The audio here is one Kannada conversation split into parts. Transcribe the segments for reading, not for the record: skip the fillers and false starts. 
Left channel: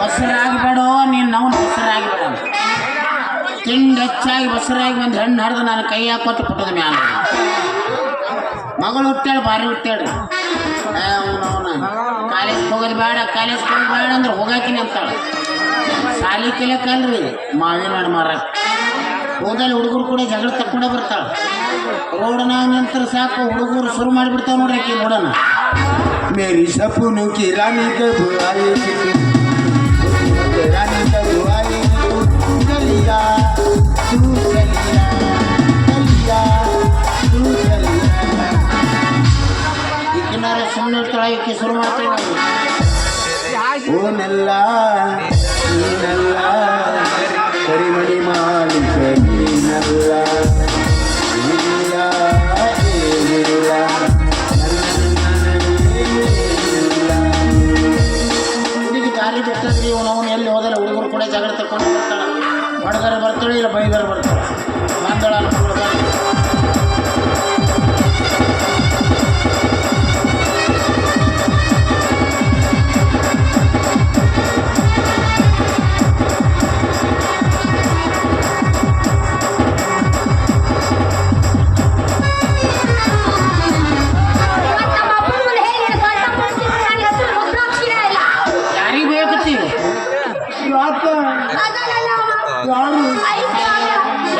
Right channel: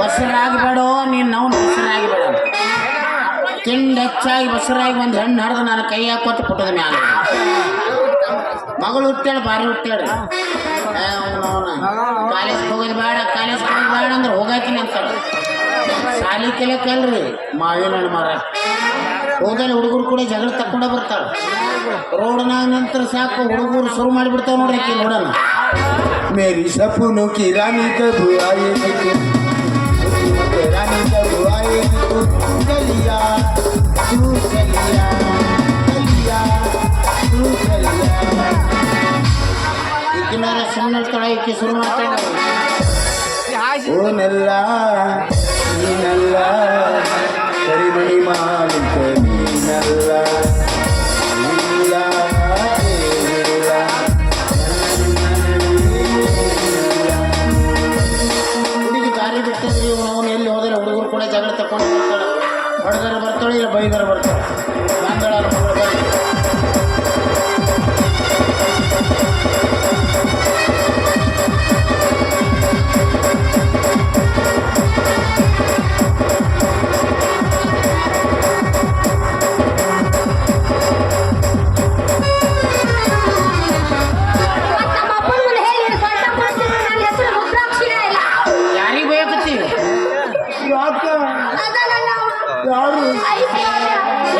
ಬಸರಾಗಬೇಡ ನೀನು ನಾವು ಬಸರಾಗಬೇಡ ತಿಂಡಿ ಹೆಚ್ಚಾಗಿ ಬಸರಾಗಿ ಒಂದು ಹೆಣ್ಣು ಹರಿದು ನಾನು ಕೈ ಹಾಕೊಟ್ಟು ಪುಟ್ಟದ ಮ್ಯಾಲ ಮಗಳು ಹುಟ್ಟಾಳೆ ಭಾರಿ ಹುಟ್ಟಾಳೆ ಕಾಲೇಜ್ ಹೋಗೋದು ಬೇಡ ಕಾಲೇಜ್ ಹೋಗೋದು ಬೇಡ ಅಂದ್ರೆ ಹೋಗಾಕಿನಿ ಅಂತಾಳೆ ಸಾಲಿ ಕಲಿಯಕ್ಕಲ್ರಿ ಮಾವಿನ ಹಣ್ಣು ಮರ ಹೋದಲ್ಲಿ ಹುಡುಗರು ಕೂಡ ಜಗಳ ತಕ್ಕೊಂಡ ಬರ್ತಾಳೆ ರೋಡ್ನಾಗ ನಂತರ ಸಾಕು ಹುಡುಗರು ಶುರು ಮಾಡಿಬಿಡ್ತಾವೆ ನೋಡ್ರಿ ಆಕಿ ನೋಡೋಣ मेरी सपनों की रानी कब आएगी रानी कब आएगी चलिया तू चलिया चलिया तू चलिया ಈಗಿನಾರೆ ಸುಮ್ಮನೆ ಇರ್ತಾಳೆ ಈಕೆ ಶುರು ಮಾಡ್ತಾಳೆ ओ नल्ला नल्ला करीमणी मालिक नी नल्ला ದಾರಿ ಬಿಟ್ಟದ್ರಿ ನಾವು ಎಲ್ಲಿ ಹೋದ್ರೆ ಹುಡುಗರು ಕೂಡ ಜಗಳ ತಕೊಂಡು ಬರ್ತಾಳೆ ಬಡಗರ ಬರ್ತಾಳೆ ಇಲ್ಲ ಬೈಗರ ಬರ್ತಾಳೆ ಬಂದಳ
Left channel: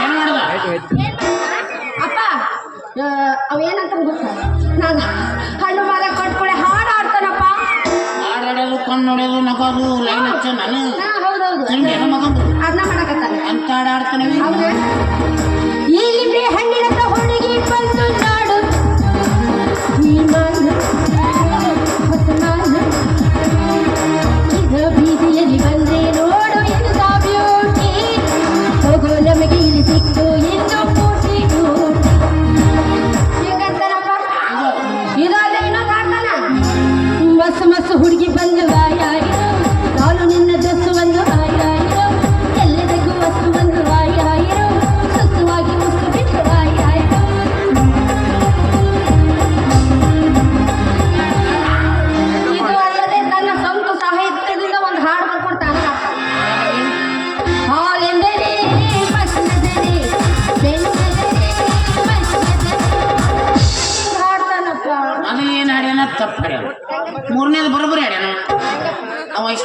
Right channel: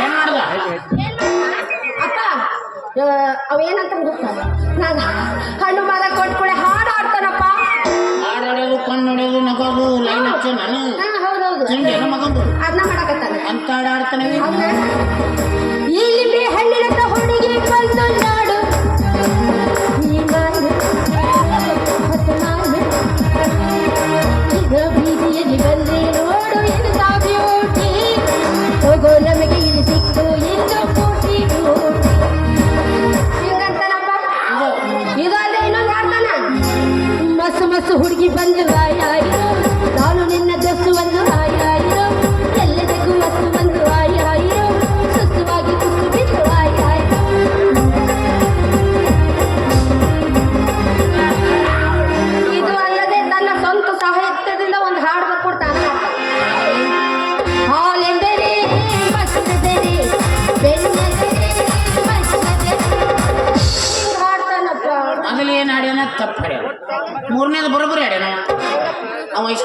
ಏನ್ ಮಾಡ್ದ ಅವೇನಂತ ನಾನು ಹಣ್ಣು ಮರ ಕೊಟ್ಕೊಳೆ ಹಾಡು ಆಡ್ತಾರಪ್ಪ ಹಾಡಾಡೋದು ಕಣ್ಣು ನೋಡೋದು ನಗೋದು ಲೈನ್ ಹಚ್ಚ ನಾನು ಹೌದೌದು ತಿಂಡಿ ಏನು ಮಗಂದು ಅದನ್ನ ಮಾಡಕತ್ತಾನೆ ಅಂತ ಹಾಡು ಆಡ್ತಾನೆ ಈ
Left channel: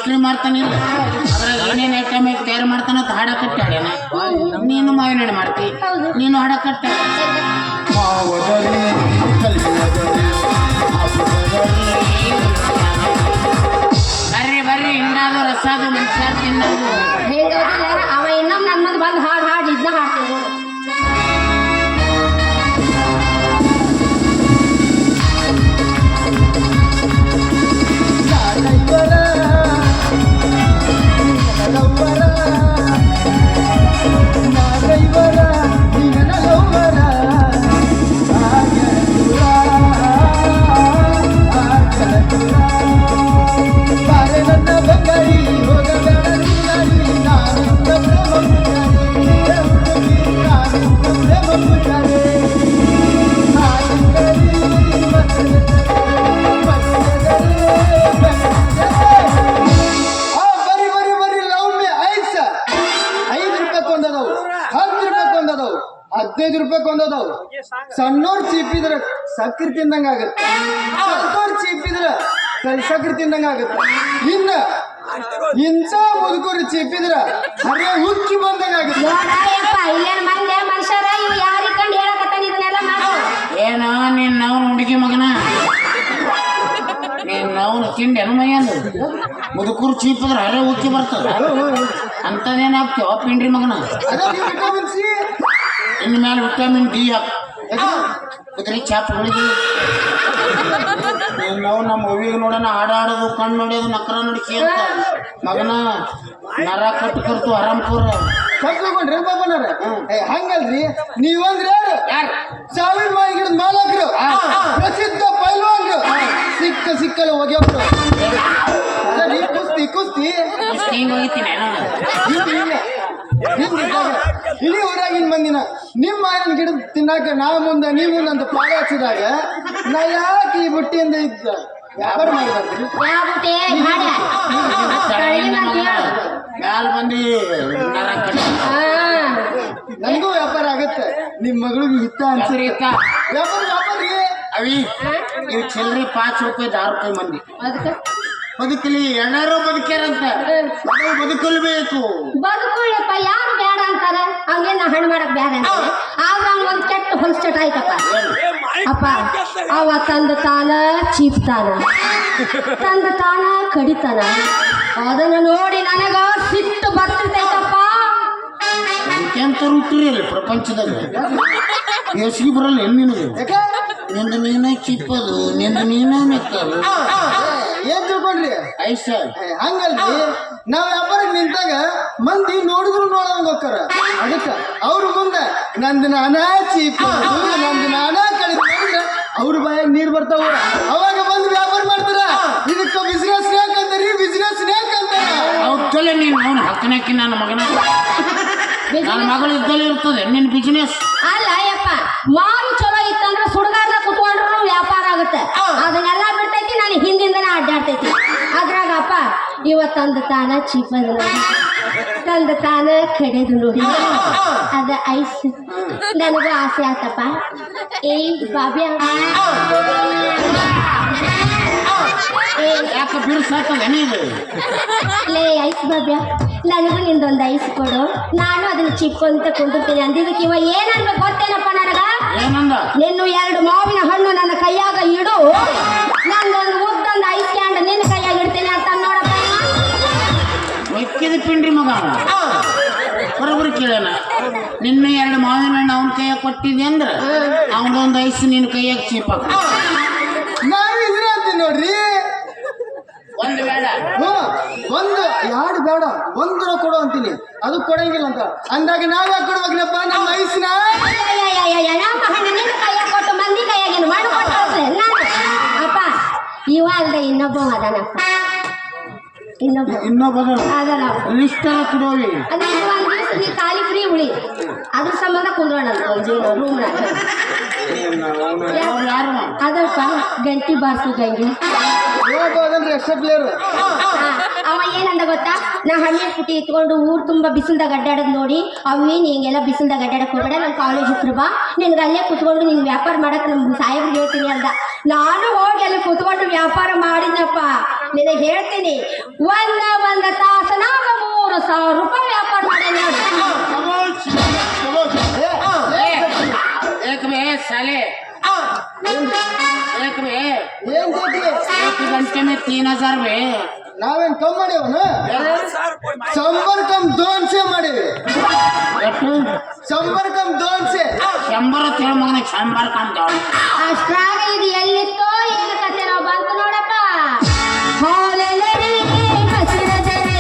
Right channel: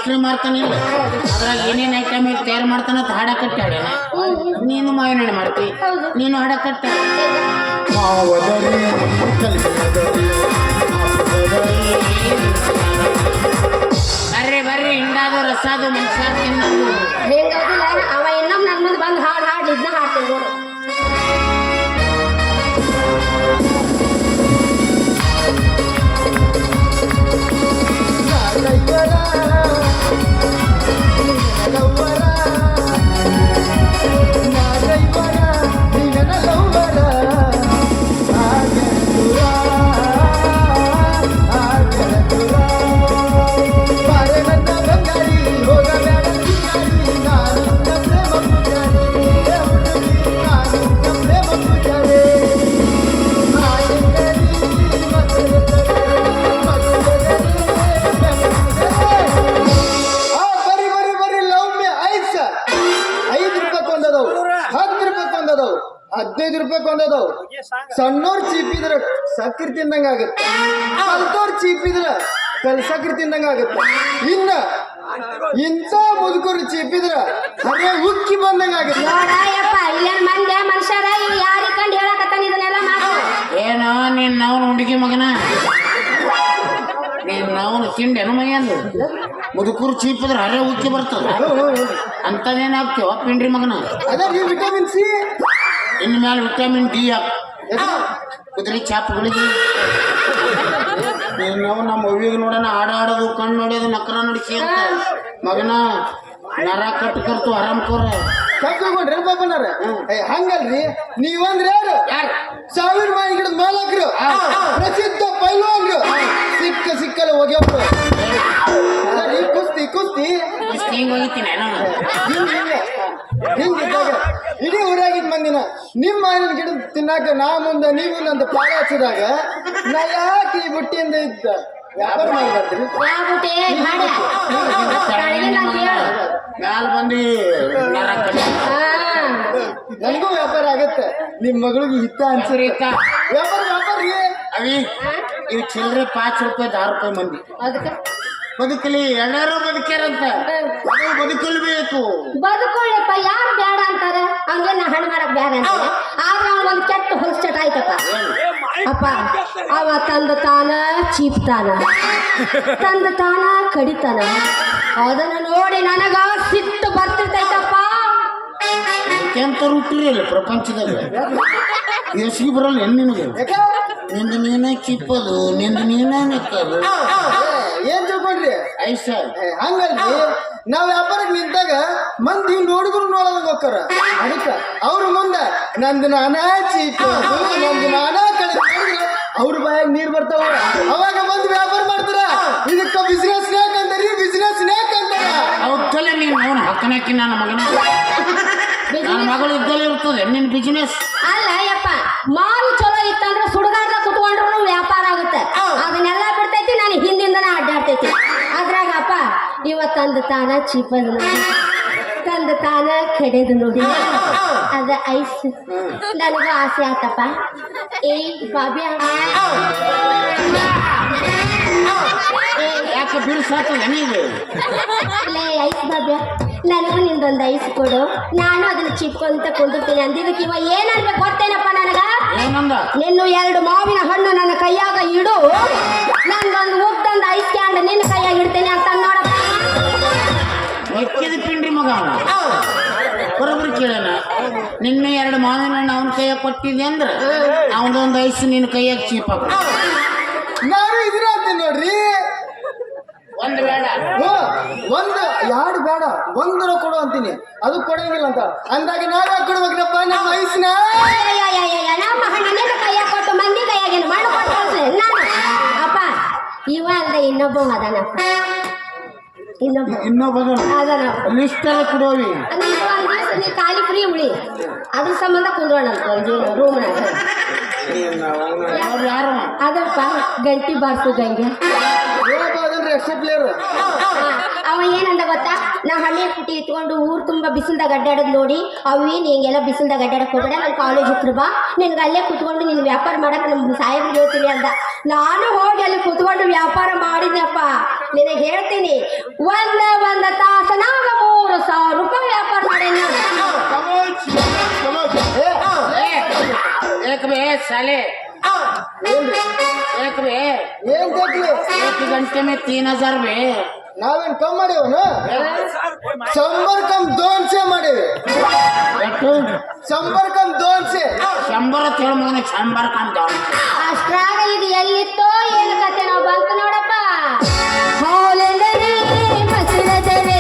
ಮಸ್ಲಿ ಮಾಡ್ತಾನಿಲ್ಲ ಅದ್ರಾಗ ಏನೇನು ಐಟಮ್ ತಯಾರು ಮಾಡ್ತಾನ ಅಂತ ಹಾಡ ಕಟ್ಟಾಡ್ಯಾನ ನೀನು ಮಾವಿನ ಹಣ್ಣು ಮಾಡ್ತಿ ನೀನು ಹಾಡ ಕಟ್ಟ ಮಾವದರಿ ಕಲ್ಯಾಣದರಿ ಬರ್ರಿ ಬರ್ರಿ ಹಿಂಗಾದು ರಸಾದು ಮನುಷ್ಯ ತಿನ್ನೋದು ಹೇಗೋದಿಲ್ಲ ಅವ ಇನ್ನೊಮ್ಮೆ ನನ್ನ ಮುಂದೆ ಬಂದು ಹಾಡು ಇದನ್ನ ಹಾಡ್ತೀನಿ $15 ಸಣ್ಣವ್ರು ಚೀಪಿದ್ರ ಸಕ್ಕರೆ ತಿಂದಂಗ ಆಗತ್ತೆ ಅಂಥವ್ರು ಚೀಪಿದ್ರ ಸಕ್ಕರೆ ತಿಂದಂಗ ಆಗತ್ತೆ ಇನ್ನ ಇಂಥ ಮುದುಕರು ಚೀಪಿದ್ರ ಅದೇ ಉಕ್ಕಿ ಬಂದಂಗ ಆಗತ್ತೆ ಮನುಷ್ಯರ ಯಾರಿಗೆ ಕಂಡು ಹೇಳಕತ್ತಾನ ಇದನ್ನೆಲ್ಲ ಮಾಡು ಏನೋ ನೀನ್ ನಾವು ಹುಡುಗಿ ಮಗನ ನೀನ್ ನಾವು ತಿಂಡಿ ಮೈಯಂದು ಮುದುಕರು ಚೀಪಿದ್ರೆ ಅರೆ ಉಕ್ಕಿ ಬರ್ತದ ಅಂತದೇನಾಗ್ತೇವ ಪಿಂಡ್ರಿ ಮಗನ ಅದೇ ವಿಟಮಿನ್ ಸಿ ಇನ್ನು ಮೇಲೆ ವಿಟಮಿನ್ ಡಿ ಕುದುರೆ ಚಾಪಗಳಿಗೆ ನಾವು ನಮ್ಮ ಮಗುವಿಗೆ ನೋಡೋಣ ಆಡಾಡೋದು ಕಣ್ಣು ನೋಡೋದು ನಕರ ನಡಿಸಿ ಅಂತ ಮಗನ ನರ ಕಟ್ಟು ಆರಾಮ್ಕೋರ ಕಟ್ಕೊಂಡ್ರಿ ಬಾಬಣ್ಣರ ಹಂಗಲ್ರಿ ನೀವಂದ್ರೆ ಯಾರು 1000 ಮೈ ಗಿಡದ ಮಾಲಕರು ಪ್ರಸಿದ್ಧ ಪೈಲ್ವಾನ್ರು ಸಿಕ್ಕಲ್ಲ ಹೋಗ್ಯವ್ರು ಕುಸ್ತಿ ಹಿಂಗೆ ಹೋಗಿತೀನಿ ಹಿಂಗಿದ್ದಾಗ ಇಡೀ ಊರಾಗಿನ ಮಂದಿನ ನಿಮ್ಮ ಮಾವಿನ ಗಿಡ ತಿನ್ನಾಕ ನಾ ಮುಂದೆ ನೀ ಮುಂದೆ ಅಂತ ಪಾಡ ಹಚ್ಚಿದಾಗ ನಾ ಯಾಕೆ ಈ ಬುಟ್ಟಿಯಿಂದ ಇದ್ದ ವ್ಯಾಪಾರ ಮಾಡ್ಬಾರ್ದ್ರಿ ಮ್ಯಾಲ ಬಂದು ನರ ಕಟ್ಟು ನನಗೂ ವ್ಯಾಪಾರ ಆಗತ್ತೆ ನಿಮ್ಮ ಮಗಳಿಗೆ ಹಿತ್ತ ಅನ್ಸರಿ ವ್ಯಾಪಾರ ಅವಿ ಇವು ಚಿಲ್ಲರೆ ₹5 ₹10 ಮಂದಿ ಅದಕ್ಕೆ ಬದುಕಲಿ ಎಲ್ಲರೂ ಬದುಕ್ಯಾರಂತ ಬದುಕಲ್ಬೇಕು ಬದುಕೊಳ್ಳಪ್ಪ ಯಾರು ಬೇಡ ಅಂತಾರೆ ಅವ್ರಿಗೆ ನಾ ಹಣ್ಣು ಮಾಡಕ್ ಬೇಡ ಅಂತಾರೆ ಆಗ ಅವ್ನು ಒಂದು ಕೆಟ್ಟ ಹೊಲಸ್ಟಟ್ ಆಯ್ತಪ್ಪ ಅಪ್ಪ ಅವ ತಂದ ತಾನ ಚೀಪ್ತಾನ ತಂದ ತಾನ ಕಡಿತಾನ ಅದನ್ನು ನೋಡಿ ನನಗ ಸಿಟ್ಟು ಬರ್ತಿರ್ತೈತಪ್ಪ ಎಂತ ಹುಟ್ಟಿರಲ್ಲ ಪ್ರಪಂಚದಾಗ ಎಸಿಗೆ ಬರಲ್ಲ ನಿನಗೆ ನಿಂದು ನೀನೇ ಚಿಪ್ಪದು ನಿಂದು ನೀನೇ ನೆಕ್ಕದು ಏನ್ ತಿಳ್ಕೊಂಡ್ರಿ ಐಸ ಹಂಗಲ್ರಿ ನಾವ್ ವ್ಯಾಪಾರಕ್ಕೆ ನಿಂತಾಗ ಮಂದಿ ನೋಡಿದ್ರು ನೋಡೋದಂಗ ಹೋಗ್ತಾರ ಅದಕ್ಕ ಅವ್ರ ಮುಂದೆ ನಂದು ನಾನಾ ಚೀಪದು ನಂದು ನಾನಾ ಕಡೆ ಅವ್ರ ಬಾಯಾಗ ನೀರ್ ಬರ್ತಾವ ಅವಾಗ ಬಂದು ವ್ಯಾಪಾರ ಮಾಡ್ತಾರ ಇದಕ್ಕ ಬಿಸಿನೆಸ್ ಸ್ನೇಕ್ ಅಂತಾರಿ ಬಿಸಿನೆಸ್ ಸ್ನೇಕ್ ಅಂತಾರ ಅವಕ್ಕಲ್ಲ ನೀನು ಅವನು ಹಕ್ಕನಾಕಿ ನನ್ನ ಮಗನ ನನ್ನ ಮಗಳು ಇದ್ದಲ್ಲೇ ಇರ್ತದೆ ನಿನ್ನ ಬಿಸಿನೆಸ್ ಅಲ್ಲ ಯಪ್ಪ ಮಾರು ಚಲೋ ಇತ್ತಂದ್ರೆ ಸುಡುಗಾಡ್ದಾಗ ಕುತ್ಕೊಂಡ್ರು ವ್ಯಾಪಾರ ಆಗುತ್ತೆ ಅದನ್ನೆಲ್ಲ ಬಿಡ್ತೈತಿ ನಾನು ಹಿಂದಿಂದನೇ ಅಡ್ಡಾಡ್ತೈತಿ ಅದ್ರಾಗಪ್ಪ ಇವತ್ತಂದು ತಾನ ಚೀಪದ್ ನೋಡಿ ತಂದು ತಾನ ಕಡೆದು ನೋಡಿ ಅದ ಐಸ್ ನನಗೂ ಆಸೆ ಆತಪ್ಪ ಬಾಬ್ಯಾ ಯಾಕೆ ಬಿಡಿಸಾಕಲ್ಲ ನೀನು ಲೇ ಐಸ್ ಬಾಬ್ಯಾ ನನಗೂ ನಿಂದೊಂದು ಐಸ್ ಕೊಡು ನಾನು ಅದನ್ನ ಚಿಪ್ಕೊಂತ ಕುಂದಿರ್ತೀನಿ ಅಂದಿದ್ದಕ್ಕೆ ಇವ ಏನನ್ಬೇಕು ಗೊತ್ತೇನಪ್ಪ ನನಗ ಏನಂದ ನಿನ್ನು 2 ಮಾವಿನ ಹಣ್ಣು ನನ್ನ ಕೈಯಾಗ ಇಡು ನಂದೊಂದು ಮುಗ್ದೊಂದು ಐಸ್ ಕ್ಯಾಂಡ್ ನಿನ್ನ ಕೈಯಾಗ ಇಡ್ತೇನೆ ಅಂತ ನೋಡಪ್ಪ ಮೆಕ್ಕಿದ ಪಿಂಡ್ರಿ ಮಗ ಬರೋಬ್ಬರಿ ಕೇಳೋಣ ನಿನ್ನ 2 ಮಾವಿನ ಹಣ್ಣು ಅವನ ಕೈಯಾಗ ಕೊಟ್ಟಿದ್ದೆ ಅಂದ್ರೆ ಅವನದೊಂದು ಐಸ್ ನಿನ್ನ ಕೈಯಾಗ ಚೀಪಾಕ ನಾನು ಇದ್ರ ಅಂತೀನಿ ನೋಡ್ರಿ ಒಂದು ಬೇಡ ಒಂದು 2 ಬೇಡ ಒಂದರ ಕೊಡು ಅಂತೀನಿ ಅದು ಕೊಡಂಗಿಲ್ಲ ಅಂತ ಅಂದಾಗ ನಾವ್ ಯಾಕೆ ಕೊಡ್ಬೇಕ್ರಪ್ಪ ನಮ್ಮ ಐಸ್ನ ನಮ್ಮ ಹಣ್ಣು ನಿನ್ನ ಕೈಯಾಗ ಕೊಟ್ಟು ಮಂದಿ ಕೈಯಾಗೇನು ಮಾಡಿಕೊಟ್ಟು ನಾನು ಅಪ್ಪ ಇವ ಅಲ್ದೆ ಇನ್ನೊಬ್ಬ ಅದನಪ್ಪ ಇನ್ನೊಬ್ಬ ಅದನ ಲಿಸ್ಟಲ್ಲಿ ಕುಡಿಯೋವಿ ನೀ ಖಾಲಿ ಫ್ರೀ ಉಳಿ ಅದ್ರ ಸಂಬಂಧ ಕುಂದ್ರೋಣ ರೂಮ್ನಾಗ ಯಾರು ಅದಪ್ಪ ಗಂಟಿ ಬಾರ್ಸು ಗಂಗೆ ಹೇಳ್ಬೋದನ್ರಿ ಎಕ್ಸ್ಟ್ರಾ ಪ್ಲೇಯರ್ ಅವ ಏನಂದ ಗೊತ್ತಾ ನಾ ಹಣ್ಣಿನ ಪುಟ್ಟಿ ಇಟ್ಕೊಂಡು ಊರು ತುಂಬ ಬಿಸಿಲ್ದಾಗ ಅಡ್ಡಾಡೋದು ನೋಡಿ ಅವೇನು ಹಿಂಗೆಲ್ಲ ಬಿಸಿಲ್ದಾಗ ಅಡ್ಡಾಡಕ್ಕೆ ಹೋಗ್ಬೇಡ ನನ್ನ ಕಾಲೇಜ್ ಹತ್ರ ಬಾ ನಿನ್ಗೆ ಅಲ್ಲೇ ಕುತ್ಕೊಂಡು ನೀನು ವ್ಯಾಪಾರ ಮಾಡಕ್ಕೆ ನಮ್ಮ ಸಾಹೇಬ್ರಿಗೆ ಹೇಳ್ತೀನಿ ಅಂದ ನಾನು ಹೋಗಿ ಅಲ್ಲಿ ಕುತ್ಕೊಂಡು ವ್ಯಾಪಾರ ಮಾಡಿದ್ನಪ್ಪ ನಿನಗೆ ಹೇಳ್ತೀನಿ ಒಂದ ತಾಸನಾಗ 3,000 ರೂಪಾಯಿ ವ್ಯಾಪಾರ ಮಾಡೇನಿ ನೋಡು. एक बे साले एक बे ಏನ್ ಕೊಟ್ರಿ 1 घंटे में 3,000 बे ನಾವೇನ್ ಕಮ್ ಮಾಡೇವನ ಸಂಪರ್ಕಂ 200 ಮಾಡೇವಿ ಎಷ್ಟು ಸಂಪರ್ಕಂ 200 100 ಅಂತ ಹೇಳಿ ಮಗನ 100 ಕಾಣ್ತ ಅಷ್ಟ್ರಾಗ ಇದು ಎಲ್ಲಿತ್ತೋ ಏನು ಕತೆ ನಾವು ಬಂತು ನೋಡಪ್ಪ. ಹಾಲೆಂದರೆ ಮಸಿರೆದರೆ,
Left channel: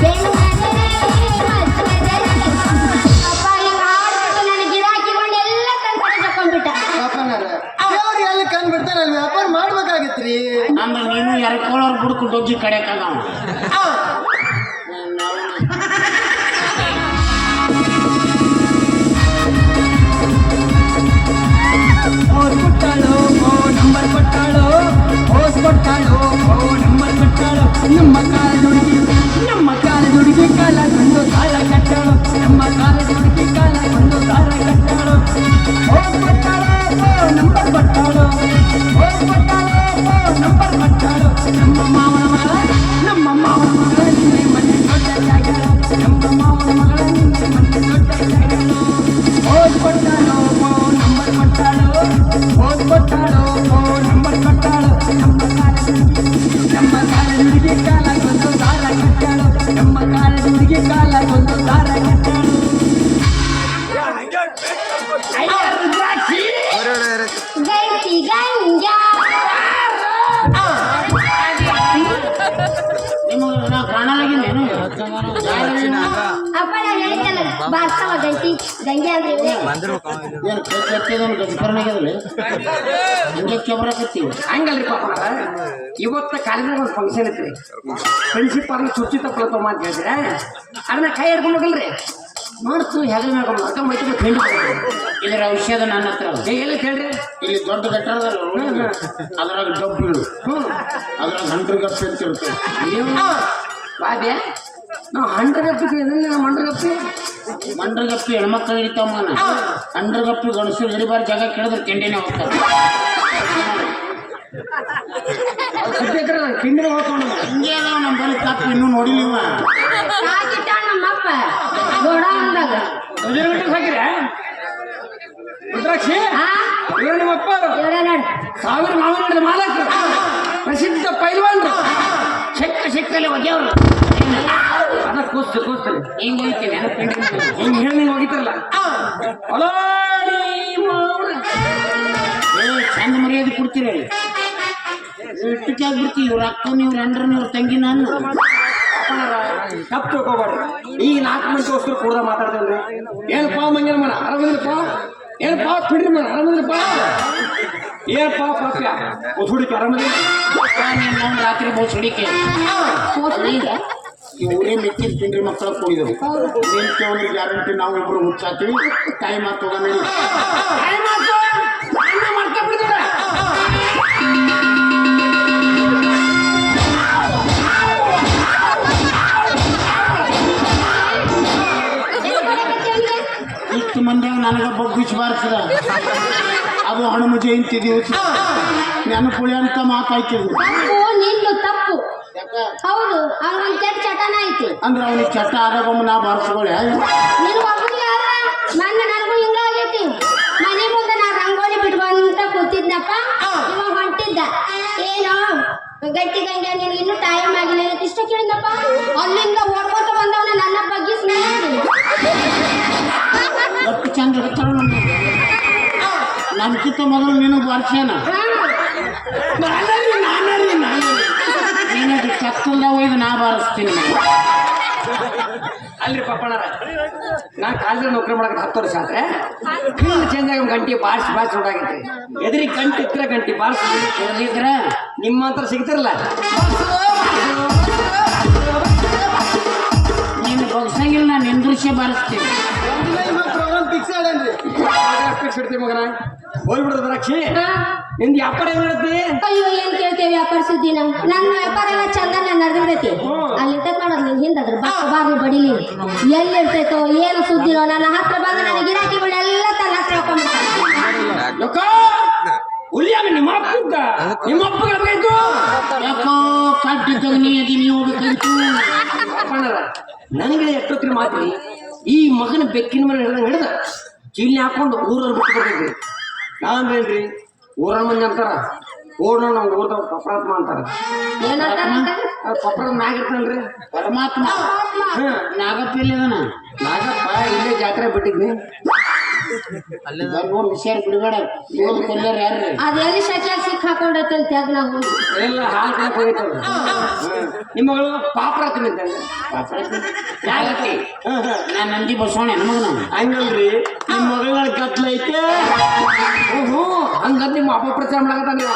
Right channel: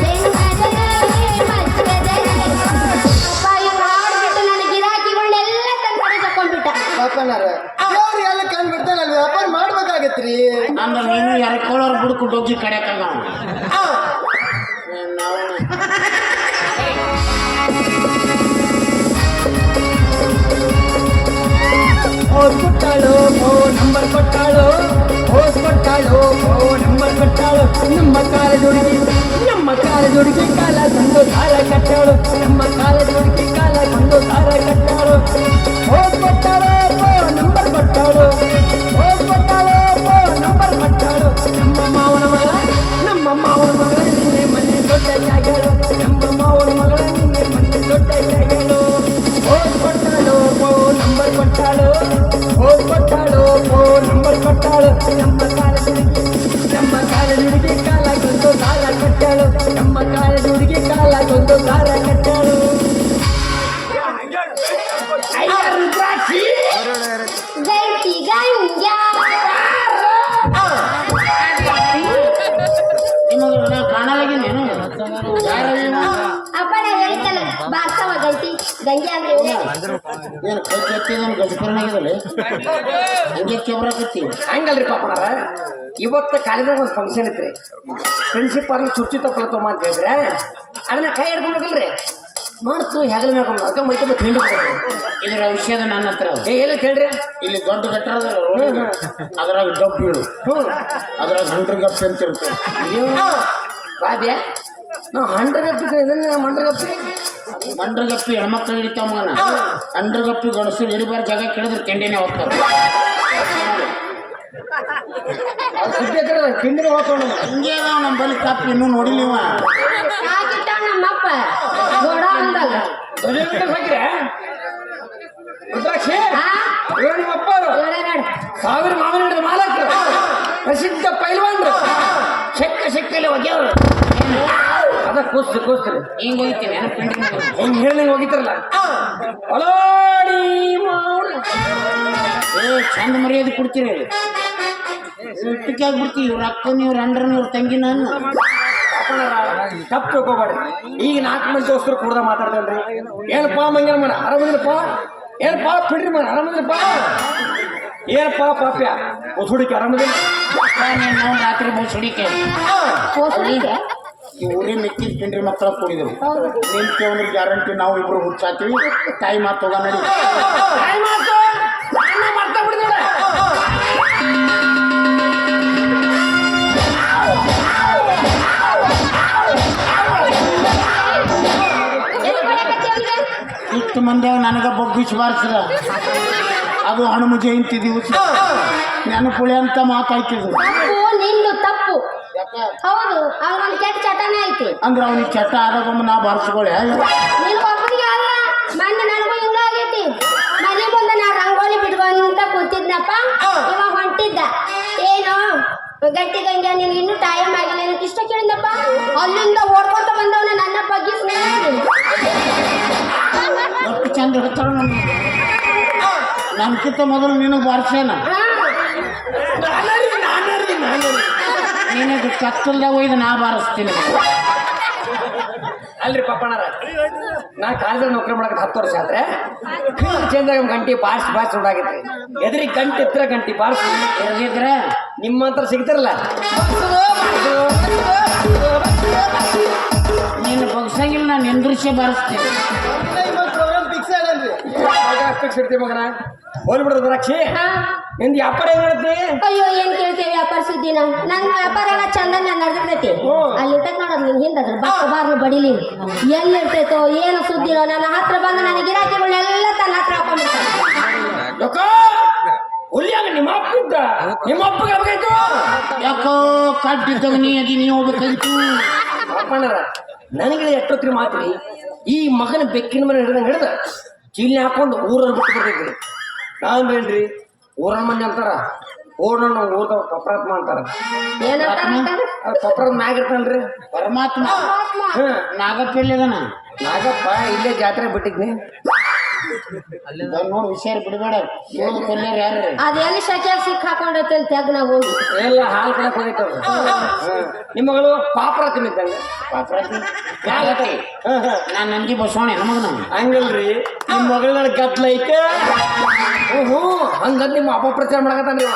ಬೆಣ್ಣೆದರೆ ಮಸಿರೆದರೆ. ಅಪ್ಪ ಹಿಂಗ್ ಆಡ್ಬಿಟ್ಟು ನನ್ನ ಗಿರಾಕಿಗಳನ್ನೆಲ್ಲ ತಂದು ತಕೊಂಡ್ಬಿಟ್ಟ. ಪಾಪನಾರ ದೇವ್ರು ಎಲ್ಲಿ ಕಂಡು ಬಿಡ್ತಾನೆ ಅಲ್ಲಿ ವ್ಯಾಪಾರ ಮಾಡ್ಬೇಕಾಗತ್ರಿ. ಅಂದ್ರೆ ನೀನು ಎರ್ಕೊಳ್ಳೋರು ಬುಡ್ಕು ಡೊಗ್ಗಿ ಕಡೆಕಾಗ ಓಸ್ ಕೊಟ್ಟಾಳು ಓ ನಂಬರ್ ಕೊಟ್ಟಾಳು ಓಸ್ ಕೊಟ್ಟಾಳು ಓ ನಂಬರ್ ಕೊಟ್ಟಾಳು ನಮ್ಮ ಕಾಲದ ಹುಡುಗಿ ಕಾಲ ಕೊಂಡು ಸಾಲ ಕಟ್ಟಾಳು ನಮ್ಮ ಕಾಲದ ಹುಡುಗಿ ಕಾಲ ಕೊಂಡು ಸಾಲ ಕಟ್ಟಾಳು ಓಸ್ ಕೊಟ್ಟಾಳು ಓ ನಂಬರ್ ಕೊಟ್ಟಾಳು ಓಸ್ ಕೊಟ್ಟಾಳು ಓ ನಂಬರ್ ಕೊಟ್ಟಾಳು ನಮ್ಮ ಮಾವನ ಮಗಳ ನಿನ್ನೆ ಮನೆ ದೊಡ್ಡ ಜಾಗಗಳು ನಮ್ಮ ಮಾವನ ಮಗಳ ನಿನ್ನೆ ಮನೆ ದೊಡ್ಡ ಜಾಗಗಳು ಓಸ್ ಕೊಟ್ಟಾಳು ಓ ನಂಬರ್ ಕೊಟ್ಟಾಳು ಓಸ್ ಕೊಟ್ಟಾಳು ಓ ನಂಬರ್ ಕೊಟ್ಟಾಳು ನಮ್ಮ ಕಾಲದ ಹುಡುಗಿ ಕಾಲ ಕೊಂಡು ಸಾಲ ಕಟ್ಟಾಳು ನಮ್ಮ ಕಾಲದ ಹುಡುಗಿ ಕಾಲ ಕೊಂಡು ಸಾಲ ಕಟ್ಟಾಳು ಗಂಜಿ ಗಂಜ. ನಿಮಗೆ ನಾ ಕಾಣಲಾಗಿದ್ದೇನು ಅಪ್ಪ ನಾವು ಹೇಳಿದ್ದಲ್ಲ ಬಾರ್ಸವ ಗಂಟಿ ಗಂಗೆ ಅಂದ್ರೆ ಇವನೇ. ಏನು ಕೈ ಕಟ್ಟಿದನು ಗಜಕರ್ನಾಗಿದಲ್ಲ ಹಿಂಗೆ ಕೆಬ್ರಕತ್ತೀವಿ ಹಂಗಲ್ರಿ ಪಾಪನಾರ ಇವತ್ತು ಕಾಲೇಜಾಗ ಒಂದು ಫಂಕ್ಷನ್ ಐತ್ರಿ ಪ್ರಿನ್ಸಿಪಾಲ್ ಚುಚ್ಚಿ ತಪ್ಪಲತ್ತಮ್ಮ ಅಂತ ಹೇಳಿದ್ರೆ ಅದನ್ನ ಕೈ ಹಿಡ್ಕೊಂಡು ಹೋಗಲ್ರಿ ಮಾಡ್ತು ಹೆಗಲ ಮ್ಯಾಗ ಅರ್ಕ ಮೈತಮ್ಮ ಖಂಡಿ ಇದರ ಔಷಧ ನನ್ನ ಹತ್ರ ಅದ. ಎಲ್ಲ ಕೇಳ್ರಿ ಇಲ್ಲಿ ದೊಡ್ಡ ಗಟ್ಟರ ಅದ್ರಾಗ ಡಬ್ಬು ಬೀಳು ಅದ್ರಾಗ 100 ಗಪ್ಪೆ ಅಂತ ಇರುತ್ತೆ ಬಾದ್ಯ ನಾವು ಹಂಡ್ರಗಪ್ಪಿ ಮಂಡ್ರಗಪ್ಪಿ ಮಂಡ್ರಗಪ್ಪಿ ಹೆಣ್ಮಕ್ಳು ಹಿಡಿತಾವ ಮಗನ 100 ಗಪ್ಪಿ ಗಣಸರು ಹಿಡಿಬಾರ ಜಾಗ ಕೇಳಿದ್ರೆ ಕೆಂಡಿನೇ ಹೋಗ್ತಾರೆ ಸಿದ್ದೇಕರಲ್ಲ ತಿಂಡಿನ ಹೋಗ್ಕೊಂಡು ಹಿಂಗೆ ಅದಾವ ನಮ್ಮ ಬಳಿ ಕಪ್ಪಿ ಇನ್ನೂ ನೋಡಿಲಿವ ಆಗಿಟ್ಟ ನಮ್ಮಪ್ಪ ಗೋಡ ಅಂದಾಗ. ಹಾಕ್ರೆ ರುದ್ರಾಕ್ಷಿ ಆ? ಇವ್ರು ನಮ್ಮ ಅಪ್ಪ ಇವ್ರೇ ನೋಡು. 1000 ಮಾವಿನ ಮಾಲಕರು ಪ್ರಸಿದ್ಧ ಪೈಲ್ವಾನ್ರು ಸಿಕ್ಕಲ್ಲಿ ಒಗ್ಯವರು ಅದ ಕೂಸ್ರಿ ಹಿಂಗೆ ಹೋಗ್ತೀನಿ ಏನೋ ಪೆಂಡಿಂಗ್ ಹೆಂಗ್ ಹೇಳಿ ಹೋಗಿತಾರಲ್ಲ ಒಲಾಡಿ ಚಂದ ಮರ್ಯಾದೆ ಕೊಡ್ತೀರಿ ಅಲ್ಲಿ ಇಟ್ಟಕ್ಕೆ ಆಗ್ಬಿಡ್ತೀವಿ ಇವ್ರ ಅಕ್ಕನ ಇವ್ರ ಅಂಡ್ರನ ಇವ್ರ ತಂಗಿ ನಾನು ತಪ್ಪು ತಿಳ್ಕೊಬೇಡ್ರಿ ಈಗ 4 ಮಂದಿ ದೋಸ್ತರು ಕೂಡ ಮಾತಾಡ್ತೇವ್ರಿ ಏನಪ್ಪ ಮಂಗಿನ ಮನ ಆರಾಮದಿರಪ್ಪ ಏನಪ್ಪ ಬಿಡ್ರಿ ಮನ ಆರಾಮದಿರಪ್ಪ ಏನಪ್ಪ ಪಾಪ್ಯ ಹುಡುಕಿ ಆರಾಮದಿಲ್ಲ ನೀನು ರಾತ್ರಿ ಬಸ್ ಹಿಡಿಕೆ ಕೂಸ್ಲಿಗೆ? ಈ ಊರೇ ಮಿಕ್ಕಿದ ಪಿಂಡ್ರಿ ಮಕ್ಕಳ ಕೂಡಿದ್ರು ನಿಂತು ಅಂದ್ರೆ ಗ್ಯಾರಂಟಿ ನಾವು ಇಬ್ರು ಹುಚ್ಚಾತೀವಿ ಟೈಮ್ ಆತೋಗ ನಡಿ ಇಷ್ಟು ಮಂದಿಯಾಗ ನನಗೆ ಬೊಗ್ಗಿಸಿ ಬಾರಿಸಿದ ಅದು ಹನುಮ ಜಯಂತಿ ದಿವಸ ನೆನಪುಳಿ ಅಂತ ಮಾತಾಯ್ತಿದ್ರು ಅದು ನಿಂದು ತಪ್ಪು. ಯಾಕೆ ಹೌದು ಹಂಗೊಂದು ಕೆಟ್ಟ ಚಟನ ಐತಿ. ಅಂದ್ರೆ ಅವನಿಗೆ ಚಟ ಆದಾಗ ನಾ ಬಾರಿಸ್ಕೊಳ್ಳೆ ನಿನ್ ಒಬ್ಬನಿಗೆ ಆದ್ರ ಮೊನ್ನೆ ನನಗೂ ಹಿಂಗ ಆಗೈತಿ. ಮನೆ ಮುಂದೆ ನಾ ರಂಗೋಲಿ ಬಿಡುವಂತ ಕೂತಿದ್ದಪ್ಪ ಇವಾಗ ಹೊಂಟಿದ್ದ ಏನು ಗಟ್ಟಿ ಗಂಗೆ ನೀನು ಇನ್ನೂ ಟೈಮ್ ಆಗಿಲ್ಲ ನನಗೆ ಇಷ್ಟ ಕೇಳಿದಪ್ಪ ಅಲ್ಲಿಂದ ಓಡ್ಕೊತ ಬಂದವನ ನನ್ನ ಬಗ್ಗೆ ಎಷ್ಟು ಚಂದ ಇರ್ತಾಳ ನನ್ಕಿಂತ ಮೊದಲು ನೀನು ಬಾರಿಸೇನ ನೀನು ಕತ್ತಲ್ದಾಗ ಒಯ್ದು ನಾ ಬಾರಿಸ್ತೀನಿ ಅಲ್ರಿ ಪಪ್ಪಣ್ಣರ ನಾ ಕಾಲೇಜಲ್ಲಿ ನೌಕರಿ ಮಾಡಕ್ಕೆ 10 ವರ್ಷ ಆದ್ರೆ ಫೀಲ್ಡ್ ಚೇಂಜ್ ಆಗಿ ಗಂಟೆ ಬಾರಿಸಿ ಉಂಟಾಗೈತ್ರಿ ಎದುರಿಗೆ ಗಂಟೆ ಎತ್ತರ ಗಂಟೆ ಬಾರಿಸಿ ಇರದಿದ್ರೆ ನಿಮ್ಮ ಹತ್ರ ಸಿಗ್ತಾರಲ್ಲ ನೀನು ಬಗ್ಸಂಗಿಲ್ಲ ನಾನು ನಿಂದ್ರಿಸಿ ಬಾರಿಸ್ತೀನಿ ಪ್ರೋಗ್ರಾಮ್ ಫಿಕ್ಸ್ ಹೇಳನ್ರಿ ಇಡ್ತೀವಿ ಮಗನ ಹೋಲ್ಬಿಡೋದು ದ್ರಾಕ್ಷಿ ನಿಂದು ವ್ಯಾಪಾರ ಏನ್ ಹೇಳುತ್ತೆ ಅಯ್ಯೋ ಏನ್ ಕೇಳ್ತೇವೆ ವ್ಯಾಪಾರ ಸುದ್ದಿ ನಾವು ನನ್ನ ವ್ಯಾಪಾರ ಎಲ್ಲ ಚಂದ ನಡೆದೈತಿ ಅಲ್ಲಿ ನೋಡೋದು ನಿನ್ ಹಿಂದದ್ರ ಬಾಗ್ಲು ಬಡಿಲಿ ಎಲ್ಲಿ ಇರ್ತೈತೋ ಏನು ಸುದ್ದಿನೋ ನನ್ನ ಹತ್ರ ಬಂದು ನನ್ನ ಗಿರಾಕಿಗಳೆಲ್ಲ ತನ್ನ ಹತ್ರ ಹಾಕೊಂಡ್ಬಿಡ್ತಾರೆ. ಹುಲಿಯಾಗ ನಿಮ್ಮ ಅಪ್ಪ ನಿಮ್ಮ ಅಪ್ಪ ಯಾಕೋ ಕಟ್ಟಿದ್ದಾಗ ನೀ ಅದಿ ನೀ ಹೋಗ್ಬೇಕಾಗಿತ್ತು. ಅಪ್ಪಣ್ಣರ ನನಗೆ ಎಷ್ಟೊತ್ತಿನ ಮಾತ್ರಿ ಈ ಮಗನ ಬೆಕ್ಕಿನ ಮನೆ ಹಿಡ್ದ ಚೀಲಿ ಹಾಕೊಂಡು ಊರವ್ರು ಬಿಟ್ಟು ಬರ್ತಿದ್ರಿ. ನಾನು ಹೇಳ್ರಿ ಊರ ಮಂದಿ ಅಂತಾರ ಓಡ ನಾವು ಊರ್ದವ್ ಪಪ್ರಾತ್ಮ ಅಂತಾರ. ಪಪ್ರದ ಮ್ಯಾಗ ಇರ್ತಾನ್ರಿ ಪರಮಾತ್ಮ. ಹ್ಮ್ ನಾಗಪ್ಪ ಎಲ್ಲಿದಾನ? ನಾಗಪ್ಪ ಇಲ್ಲೇ ಜಾತ್ರೆ ಬಿಟ್ಟಿದ್ನಿ. ನೋಡಿ ವಿಷಯ ಬಿಡಬೇಡ. ಕೊಲ್ಲರ್ ಯಾರ್ರಿ? ಅದೆಲ್ಲಿ ಶಕ್ಯಾಗ ಸಿಕ್ ಹಾಕೊಂಡೈತೆ ಅಂತ ತೆಗ್ ನಾವು ಹೋಗಿ ಎಲ್ಲ ಹಾಲು ಕೊಡಕ್ ಹೋಗಿತ್ತದ. ನಿಮ್ಮಗಳು ಪಾಪ್ರಾತಿ ಇದ್ದಾರೆ. ಯಾಗತ್ತಿ ನಾನು ನಂಜಿ ಬಸವಣ್ಣ ನಮಗ ಹಂಗಲ್ರಿ ನಿಮ್ಮ ಮಗಳ ಗದ್ಲ ಐತೆ. ಹ್ಞೂ ಹಂಗದ್ ನಿಮ್ಮ ಅಪ್ಪ ಪ್ರಚಾರ ಮಾಡಕತ್ತಾನ್ರಿ.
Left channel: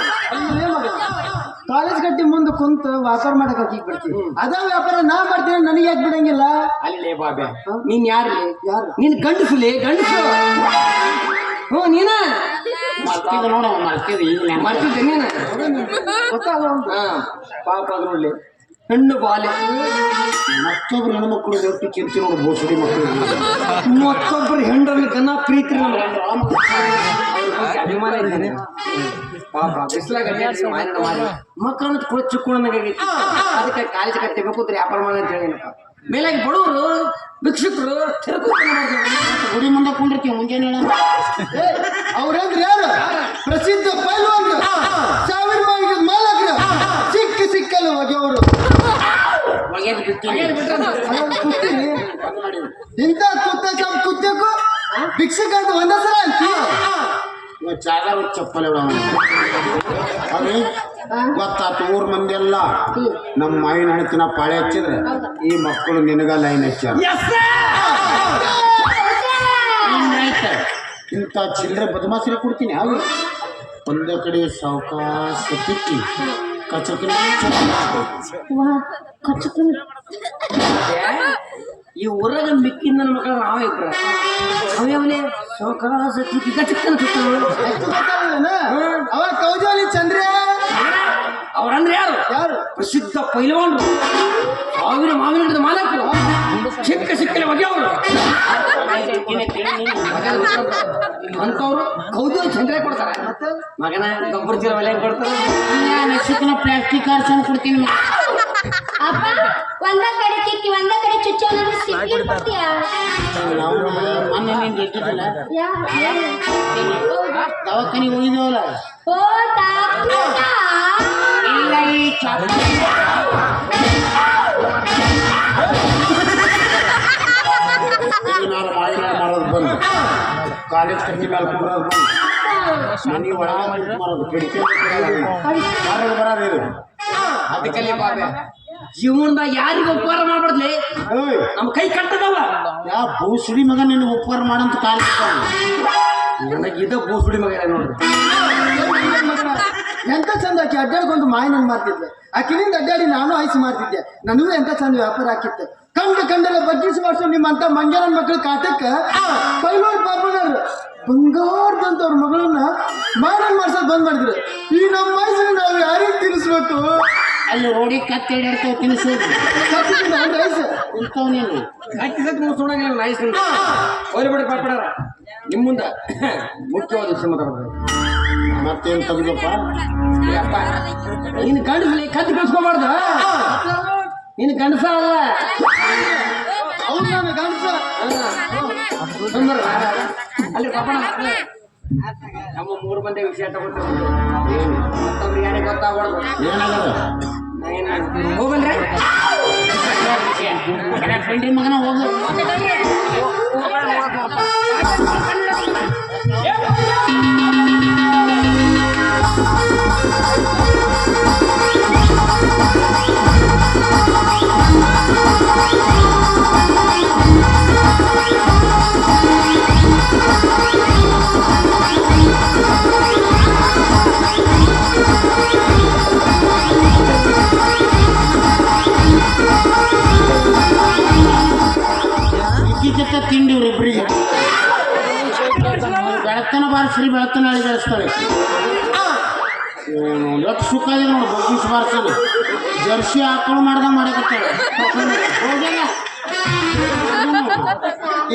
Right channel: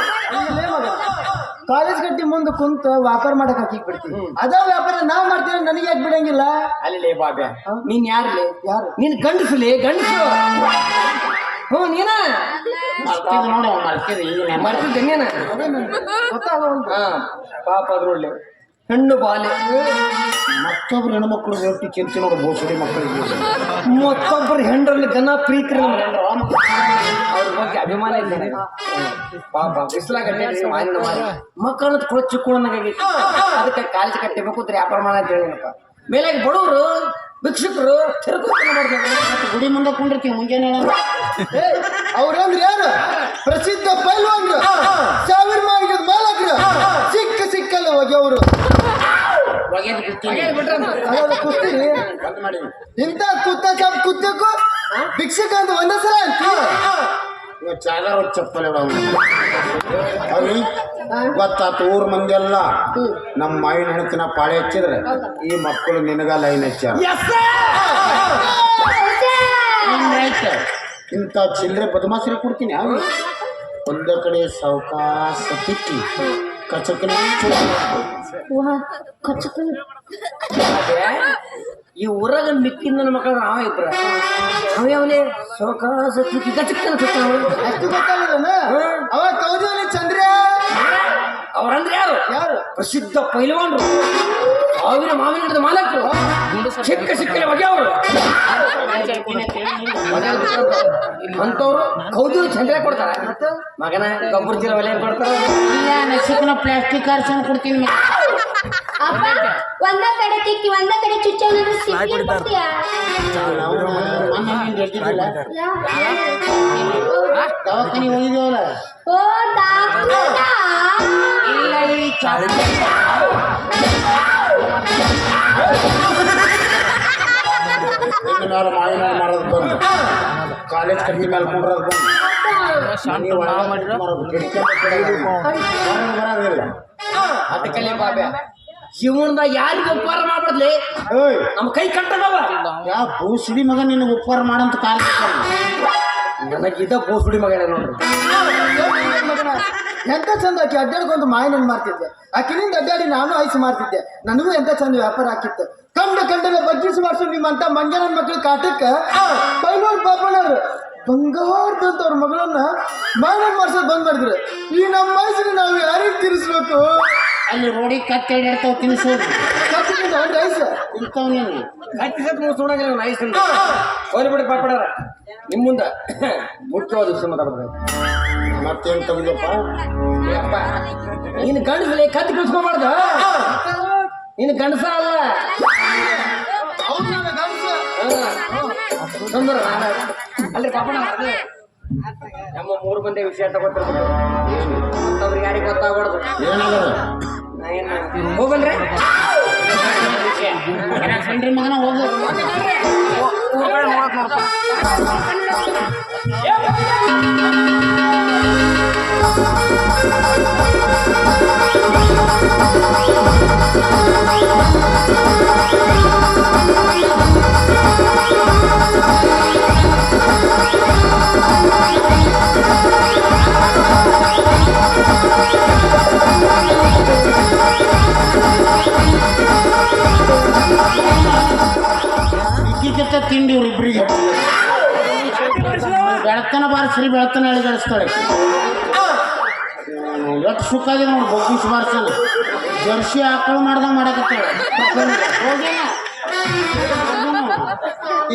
ಕಾಲೇಜ್ ಗಟ್ಟಿ ಮುಂದೆ ಕುಂತ ವ್ಯಾಪಾರ ಮಾಡಕ್ ಹಾಕಿ ಬಿಡ್ತೀನಿ. ಅದ ವ್ಯಾಪಾರ ನಾ ಮಾಡ್ತೀನಿ, ನನಗೆ ಯಾಕೆ ಬಿಡಂಗಿಲ್ಲ? ಅಲ್ಲೇ ಬಾಬ್ಯ ನೀನ್ ಯಾರ್ಲಿ? ಯಾರು? ನೀನ್ ಗಂಡಸುಲಿ ಗಂಡಸು. ಹ್ಞೂ ನೀನ ಮರ್ತಿದ್ ನೋಡಿ ಮರ್ತಿದ್ ಈಗ ಮಾಡ್ತಿದ್ದೆ ನೀನ. ಹಾ ಪಾಪ ಅದ್ರಲ್ಲಿ ಹೆಣ್ಣು ಬಾಲೆ ಮತ್ತೊಬ್ರು ಹೆಣ್ಮಕ್ಳು ರೊಟ್ಟಿ ಚಿಂತೆ ನೋಡು ಬೋಸಡಿ ಮಕ್ಕಳಿಗೆ ಮತ್ತೊಬ್ಬರು ಹೆಂಡ್ರಲ್ಲಿ ಗನ ಪ್ರೀತಿ ನಮ್ಗೆ ಅಭಿಮಾನ ಇದ್ದೇನೆ. ಪಾಪ ಬಿಸ್ಲಾಗ ಮಕ್ಕಳನ್ನ ಕೂಡ ಚಿಕ್ಕೋಣಾಗೈತಿ. ಅದಕ್ಕೆ ಕಾಲೇಜ್ ಕಟ್ಟಬೇಕು ಅಂತ ವ್ಯಾಪಾರ ಮಾಡ ಅಂತ ಹೇಳಿನಪ್ಪ. ಮೇಲೆ ಬಡವರು ಭಿಕ್ಷುಕರು ಗುಡಿ ಮುಂದೆ ಕುಂಡಿರ್ತೀವಿ ಮುಂಜಾನೆ ಅವ್ರಂದ್ರೆ ಯಾರು? ಪ್ರಸಿದ್ಧ ಪೈಲ್ವಾನ್ರು, ಸಾವಿರ ಮಾಯಿಗೆ ಮಾಲಕರು, ಸಿಕ್ಕಲ್ಲ ಹೋಗಿ ಅವರು ಒಗೆದು ಬಿಡ್ತೀವಿ. ಕುಸ್ತಿರಿ ಇಂಥ ತುತ್ತ ಚಾಪ್ ಕುತ್ತಕ್ಕೂ ಭಿಕ್ಷಕ ಅಂತ ಒಂದಸಲ ಅಂತೀವಿ. ಇವತ್ತು ಚಾಗಾರ ಚಪ್ಪಲ್ ಅವ್ರಿಗೆ ಗೊತ್ತಾತು. ಊರ್ ಮಂದಿ ಎಲ್ಲ ನಮ್ಮ ಮಾವಿನ ಹಣ್ಣಿನ ಪಾಳೆ ಹಚ್ಚಿದ್ರೆ ಈ ಮಕ್ಕಳು ನಿನಗ ಲೈನ್ ಹಚ್ಚಾರ. ಇಂಥ ಚಿಲ್ಲರೆ ಬದಮಾಸರಿ ಕೊಡ್ತೀನಿ. ಅವು ಒಂದ ಕಡೆ ಸಾವಕಾಶ ತಿಕ್ಕಿ ಕಚಕನ ಈ ಊರಾಗ ಮಿಕ್ಕಿನ ನನ್ನ ಮಕ್ಕಳು ನಾವೇ ಇದ್ರ ಅವೇ ಸೌಕಾಸ ಅವ ಕೌಜಾಲಿ ಚಂದ್ರ ಅವ್ರಂದ್ರೆ ಯಾರು? ಯಾರು? ಪ್ರಸಿದ್ಧ ಪೈಲವಾನ್ರು, ಸಾವಿರ ಮಾವಿನ ಗಿಡದ ಮಾಲಕರು, ಸಿಕ್ಕರೆ ಬಗೆ ಅವರು ಅಂತವ್ರು ಕೌದಿ ಚಂದ್ರ ಕೊಡ್ತಾರ. ಮಗನ ಗೊಬ್ಬರ ಚೀಲ ಒಲೆ ಕೊಡ್ತಾರ. ನಶಿಕ್ನ ಪ್ಲಾಸ್ಟಿಕ್ ಅರ್ಸನ್ ಕೊಡ್ತೀನಿ. ಅಪ್ಪ ಒಂದ ಕಡೆ ತಿಕ್ಕಿ ಒಂದ ಕಡೆ ಚುಚ್ಚಿ ಕೊಡ್ತೀಯಾ? ಮೊನ್ನೆ ನೀನ್ ಗೆದ್ದಿದ್ದಲ್ಲ ದವಾಖಾನಿ ಹೋಗಿದ್ದೇವಲ್ಲ. ಓ ತಾತ ಇಲ್ಲ ಈ ಚಾಪ ಕಾಲೇಜ್ ಕಮ್ಮಿ ಮೇಲೆ ಮಾಡೋದು ಮನೆ ಒಳಗೆ ಮಾಡೋದು ಅದಕ್ಕಲ್ಲಿ ಬಾಬೆ ಜೀವನದಾಗ ಯಾರಿಗೂ ಉಪಕಾರ ಮಾಡ್ಬಾರ್ದ್ಲಿ. ನಮ್ಮ ಕೈ ಕಟ್ಟದವ. ಯಾವ ಬೋಸುಡಿ ಮಗ ನಿನ್ನ ಉಪಕಾರ ಮಾಡಂತ ಕಾಲ ನನಗಿದ ಬೋಸುಡಿ ಮಗನೇ ನೋಡ್ರಿ. ಎಂತ ಚಂದ ಆಕಿ ಅಡ್ಡಾಡ್ಕೊಂಡು ಮಾಯಿನ ಮಾಡ್ತಿದ್ದೆ. ಆಕಿನಿಂದ ಅಡ್ಡಾಡಿ ನಾನು ಐಸ್ ಮಾಡ್ತಿದ್ದೆ. ನನಗೂ ಎಂತ ಚಂದ ವ್ಯಾಪಾರ ಆಕಿತ್ತು. ಕಂಡಲ್ಲ ಬಗ್ಗಿಸಿ ಮಾಡಿಸು ನಿಮ್ಮಂತ ಮಂಗ್ಯಾನ ಮಕ್ಕಳು ಕಾಟಕ್ಕೆ ಪೈಲ್ವಾನ್ ಪಾಪಣ್ಣರು ಬಂಗಾರದಂತ ಅವ್ರ ಮಗಳನ್ನ ಮಾಯಿನ ಮಾಡ್ಸೋದು ಬಂದ್ ಮಾಡಿದ್ರು. ಈ ನಮ್ಮ ವಯಸ್ಸಿಗೆ ನಾವು ಯಾರಿಗೆ ತಿನ್ನಿಸ್ಬೇಕು? ಅಲ್ಲಿ ರೋಡಿ ಕತ್ತೆ ಹಿಡಿಡ್ತಾವ ತಿನ್ನಿಸೋದು ಐಸ್ ಇಂಥವ್ನೇನು ಕಟ್ಟಿ ಸತ್ ಮುಗಿಸ್ಕೊಂಡಾಗ ನೈಸ್ ಹೋಗ್ಬಿಟ್ಟು ಪಾಪಡಾರ ನಿಮ್ಮ ಮುಂದೆ ಮುಖ್ಯವಾದ ವಿಷಯ ಮಾತಾಡ್ಬೇಕು. ಮತ್ತೇನು ತೆಗೆದಪ್ಪ ನೀನು ಗಂಡಸಲಿ ಕತ್ತಿ ಕಳ್ಸ್ಕೊಬಾರ್ದು. ನೀನು ಗಂಡಸ ಅಲ್ಲ ಅವ್ರು ಗಂಡಸ ಅಲ್ರಿ ಪಾಪಣ ನಮ್ಮ 3 ಮಂದಿ ವಿಷಯ ತಗೋತಾರೆ. ಮತ್ತವ್ರು ಯಾರಿಗೆ ಗೊತ್ತಾಗ್ಬಾರ್ದು. ಏನಾಗಲ್ಲ ಹೋಗಲ್ರಿ ಫ್ರೆಂಡ್ರಿ ಮಗನ ಹೋಗು. ಇಕ್ಕಿತ್ತ ತಿಂಡಿವ್ರು ಇಬ್ಬರಿಗೆ ಬೆಳತನ ಬಾರಿಸ್ರಿ ಬೆಳತನ ಅಳಿಗಳಿಸ್ತಾಳೆ. ಎಷ್ಟು ಸುಖ ಆಗಿದೆ ನೋಡಿ ಬಗ್ಗಿಸ್ ಬಾರಿಸಲು. ಜರ್ಸಿ ಆಕಳು ಮಾಡ್ದಂಗೆ ಮಾಡಕತ್ತಾಳೆ.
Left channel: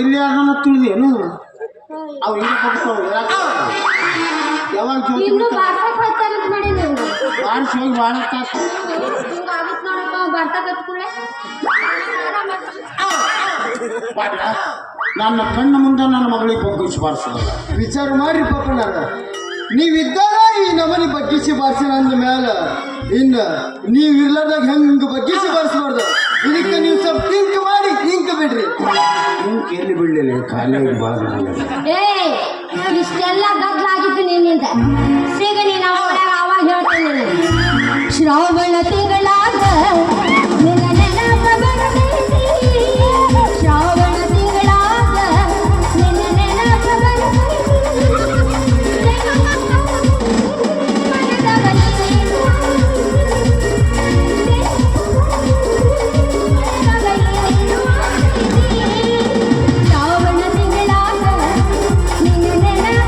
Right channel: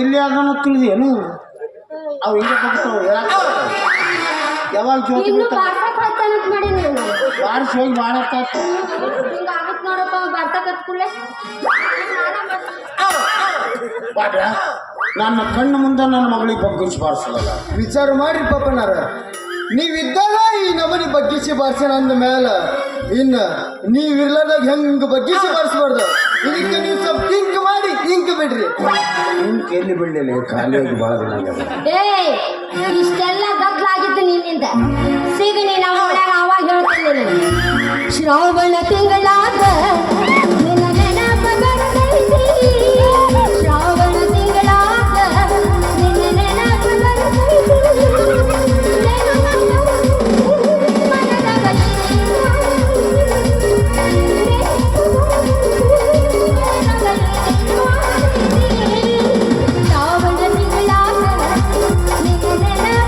ಇಲ್ಲಿ ಅದನ್ನು ತಿಳಿದೇನು ಅವು ಹಿಂಗೆ ಕೊಡ್ತಾವೆ ಯಾವಾಗ ಜ್ಯೋತಿ ಇನ್ನು ಬಿಡ್ತಾವೆ. ಬಾರ್ಸಕ್ ಬರ್ತಾನಂತ ಮಾಡೀನಿ ನಾನು. ಬಾರ್ಸಿ ಹೋಗಿ ಭಾಳ ಹೊತ್ತಾತು. ಹಿಂಗಾಗತ್ ನೋಡಪ್ಪ ಬರ್ತಾ ಕತ್ಕೊಳ್ಳೆ ಪಾಡ್ರ ನನ್ನ ಕಣ್ಣು ಮುಂದೆ ನನ್ನ ಮಗಳಿಗೆ ಬಗ್ಗಿಸಿ ಬಾರಿಸಲ್ಲ. ವಿಚಾರ ಮಾಡ್ರಿ ಪಪ್ಪನಾರ, ನೀವಿದ್ದಾಗ ಈ ನಮನಿ ಬಗ್ಗಿಸಿ ಬಾರ್ಸೇನ ಅಂದ ಮ್ಯಾಲ ಇನ್ನ ನೀವ್ ಇರ್ಲಾರ್ದಾಗ ಹೆಂಗ್ ಬಗ್ಗಿಸಿ ಬಾರಿಸ್ಬಾರ್ದು. ಇದಕ್ಕೆ ನೀವು ಸ್ವಲ್ಪ ತಿಂಕ್ ಮಾಡಿ ತಿಂಕ್ ಬಿಡ್ರಿ. ನಿನ್ ಕೇಳಿ ಬಿಡ್ಲಿಲ್ಲ ಖಾಲಿ ಭಾಳ ದಿನ ಆಗ್ಯದ. ಏಯ್ ಇಷ್ಟೆಲ್ಲ ಗದ್ದಲಾಗಿದ್ದು ನಿನ್ನಿಂದ ಸಿಗನಿ ನಮ್ಮ ಮನ್ಯಾಗ ಅವಾಗ ಹೇಳ್ತೀನಿ ನೀನು. ಶ್ರಾವಣ ತಿಂಗಳಾದ ನಿನ್ನ ನೆನಪ ಬರ್ತೈತಿ. ಶ್ರಾವಣ ತಿಂಗಳಾದ ನಿನ್ನ ನೆನಪ ಬರ್ತೈತಿ. ಶ್ರಾವಣ ತಿಂಗಳಾದ ನಿನ್ನ ನೆನಪ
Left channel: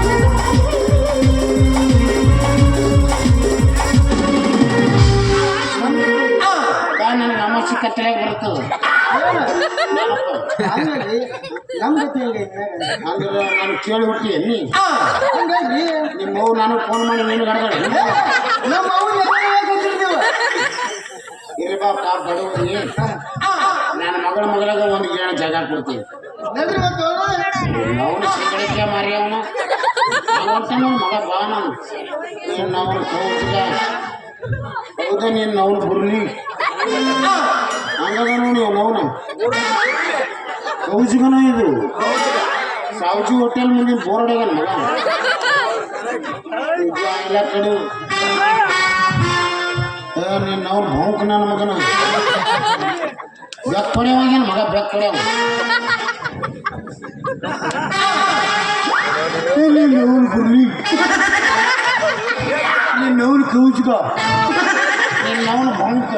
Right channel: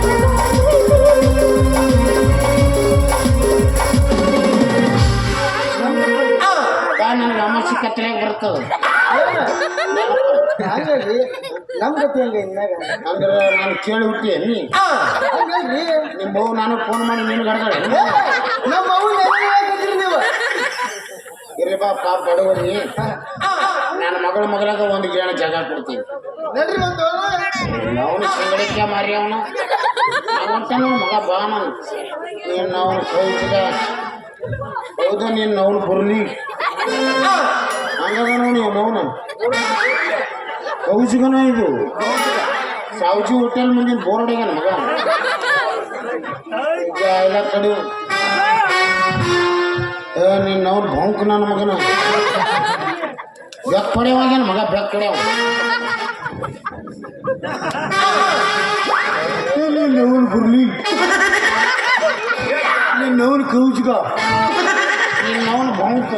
ನನಗೆ ಅಮಾಸಿ ಕತ್ತಲಾಗಿ ಬರ್ತದೆ. ಹಂಗಾಗಿ ನಮ್ ಗತಿ ಹೆಂಗ ಅಂದ್ರೆ ನಾನು ಕೇಳಿ ಹುಟ್ಟಿ ನೀ ಹಂಗಲ್ರಿ ನಿಮ್ಮ ಅವ್ವ ನಾನು ಫೋನ್ ಮಾಡಿ ನೀನು ಗಡಗಡೆ ನಮ್ಮ ಅವ್ವ ನೀವು ಇರ್ರಿ ಬಾ ಪಾಪ ಬಡವರಿಗೆ ನನ್ನ ಮಗಳಾಗ ಒಂದು ಗೇಣ ಜಾಗ ಕೊಡ್ತೀನಿ. ನಡ್ರಿ ಒಂದು ಅವನು ಸಂಗಡಿಕೆ ಮಾರಿ ಅವನು ಅಂತಾನು ಮಗ ಬಾ ನಾವು ನೀನು ನಾವು ಹೋಗ್ತಿದ್ದ ಹೌದಾ ನೀನು ನಾವು ಬರ್ಲಿ ಹಂಗಾಗ ನೀವು ನೋವು ಕೌಜಿಗನ ಇದು ಸಾವ್ಜಿ ಹೋಟೆಲ್ ಮುಂದಿನ ಬೋರ್ಡ್ ಆಗ್ಯಾನ ಮಗ ಈಗ ಎಲ್ಲ ಕಡೆ ನೀನು ನಾವು ಭೌಂಕ ನನ್ನ ಮಗನ ಬೆಕ್ ಪಡೆಯವಾಗ್ಯಾನ ಮಗ ಬೆಕ್ ಪಡೆಯವ ನೋವು ಬರ್ಲಿ ನೀನ್ ನೋವು ಕೌಜ್ಗ ನೀನು ಅವನು ಭೌಂಕ